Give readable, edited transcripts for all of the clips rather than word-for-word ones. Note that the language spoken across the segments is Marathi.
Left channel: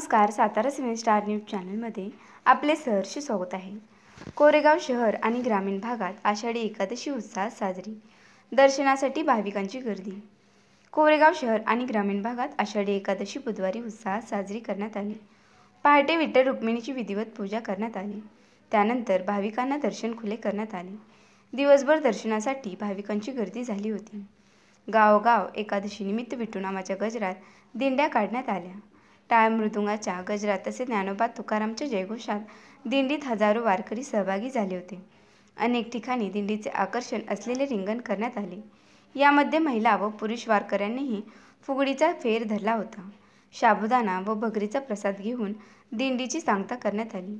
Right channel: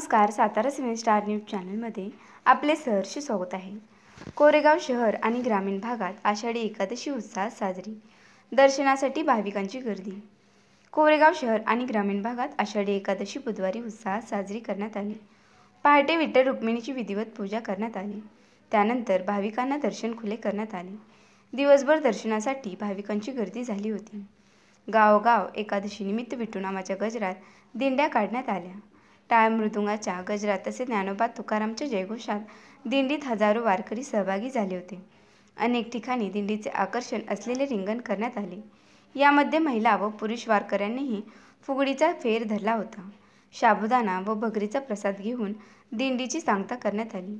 नमस्कार, सातारा 7 स्टार न्यूज चॅनलमध्ये आपले सहर्ष स्वागत आहे। कोरेगाव शहर आणि ग्रामीण भागात आषाढी एकादशी उत्साहात साजरी, दर्शनासाठी भाविकांची गर्दी। कोरेगाव शहर आणि ग्रामीण भागात आषाढी एकादशी बुधवारी उत्साहात साजरी करण्यात आली। पहाटे विठ्ठल रुक्मिणीची विधिवत पूजा करण्यात आली, त्यानंतर भाविकांना दर्शन खुले करण्यात आले। दिवसभर दर्शनासाठी भाविकांची गर्दी झाली होती। गावोगाव एकादशी निमित्त विठू नामाच्या गजरात दिंड्या काढण्यात आल्या। टाळ मृदुंगाच्या गजरात तसेच ज्ञानोबा तुकारामच्या जयघोषात दिंडीत हजारो वारकरी सहभागी झाले होते। अनेक ठिकाणी दिंडीचे आकर्षण असलेले रिंगण करण्यात आले। यामध्ये महिला व पुरुष वारकऱ्यांनीही फुगडीचा फेर धरला होता। साबुदाणा व भगरीचा प्रसाद घेऊन दिंडीची सांगता करण्यात आली।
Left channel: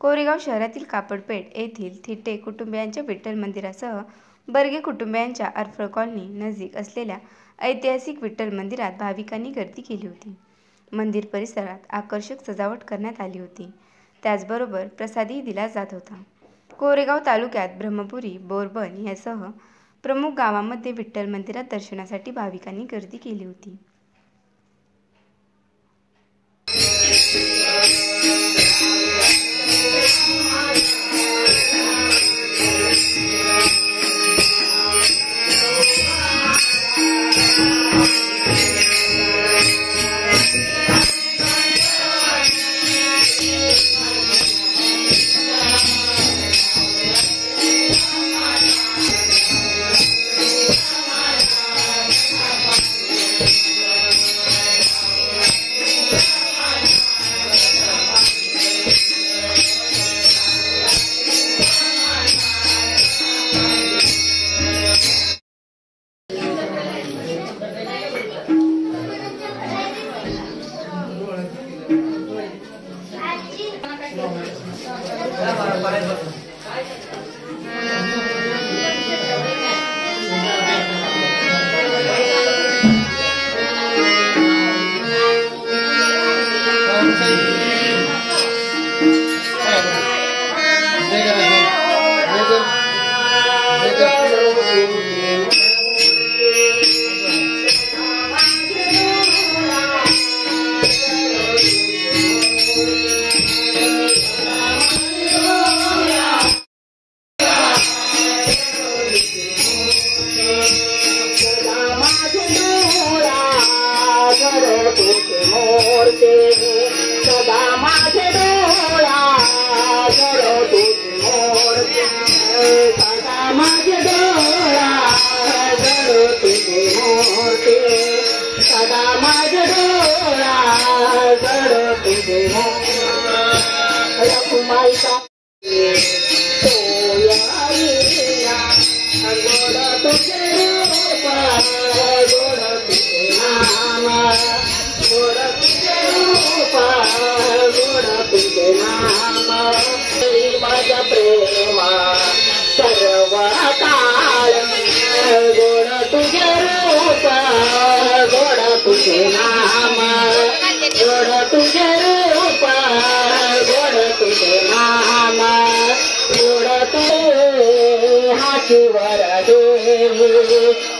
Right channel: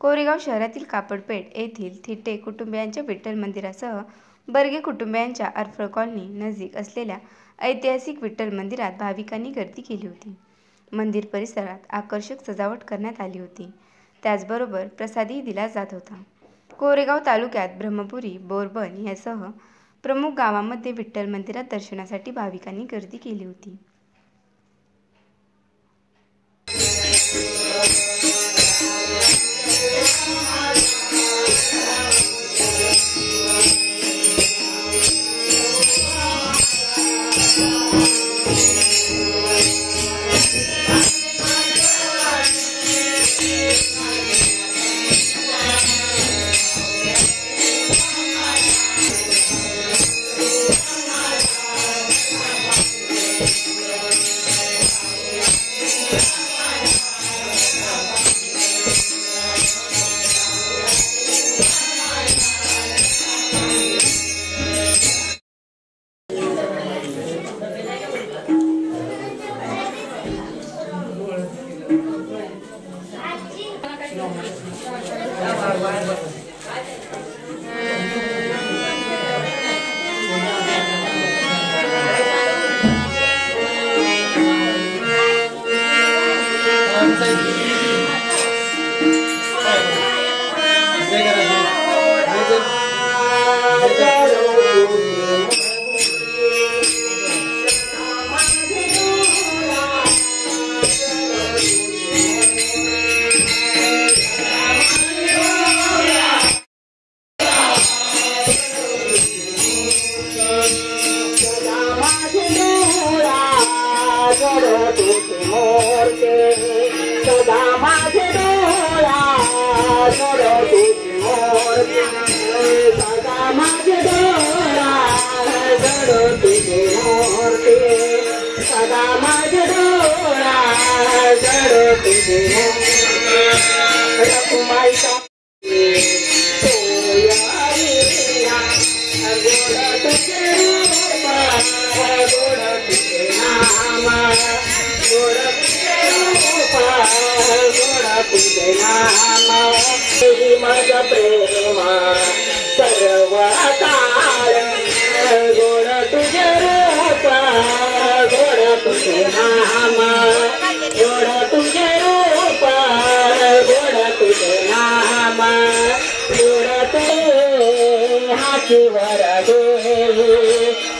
कोरेगाव शहरातील कापडपेठ येथील थिटे कुटुंबियांच्या विठ्ठल मंदिरासह बर्गे कुटुंबियांच्या अरफळ कॉलनी नजीक असलेल्या ऐतिहासिक विठ्ठल मंदिरात भाविकांनी गर्दी केली होती। मंदिर परिसरात आकर्षक सजावट करण्यात आली होती, त्याचबरोबर प्रसादही दिला जात होता। कोरेगाव तालुक्यात ब्रह्मपुरी, बोरबन यासह प्रमुख गावांमध्ये विठ्ठल मंदिरात दर्शनासाठी भाविकांनी गर्दी केली होती।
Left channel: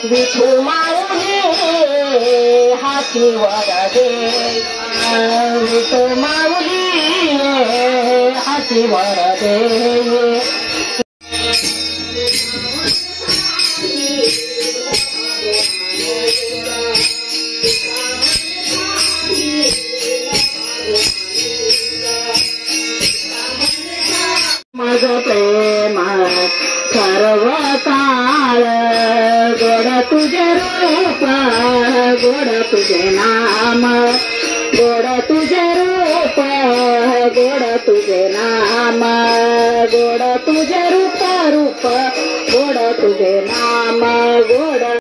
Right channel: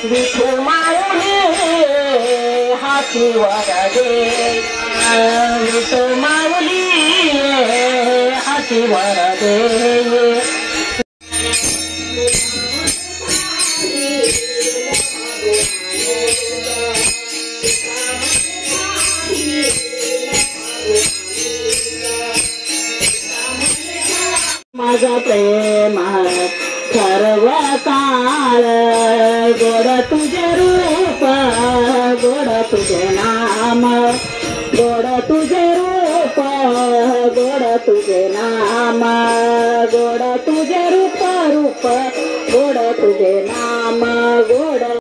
विठू माऊली हाती वरदे, विठू माऊली हाती वरदे। माझा प्रेम सर्व काळ गोड तुझे रूप, गोड तुझे नाम, गोड तुझे रूप, गोड तुझे नाम, गोड तुझे रूप, रूप गोड तुझे नाम, गोड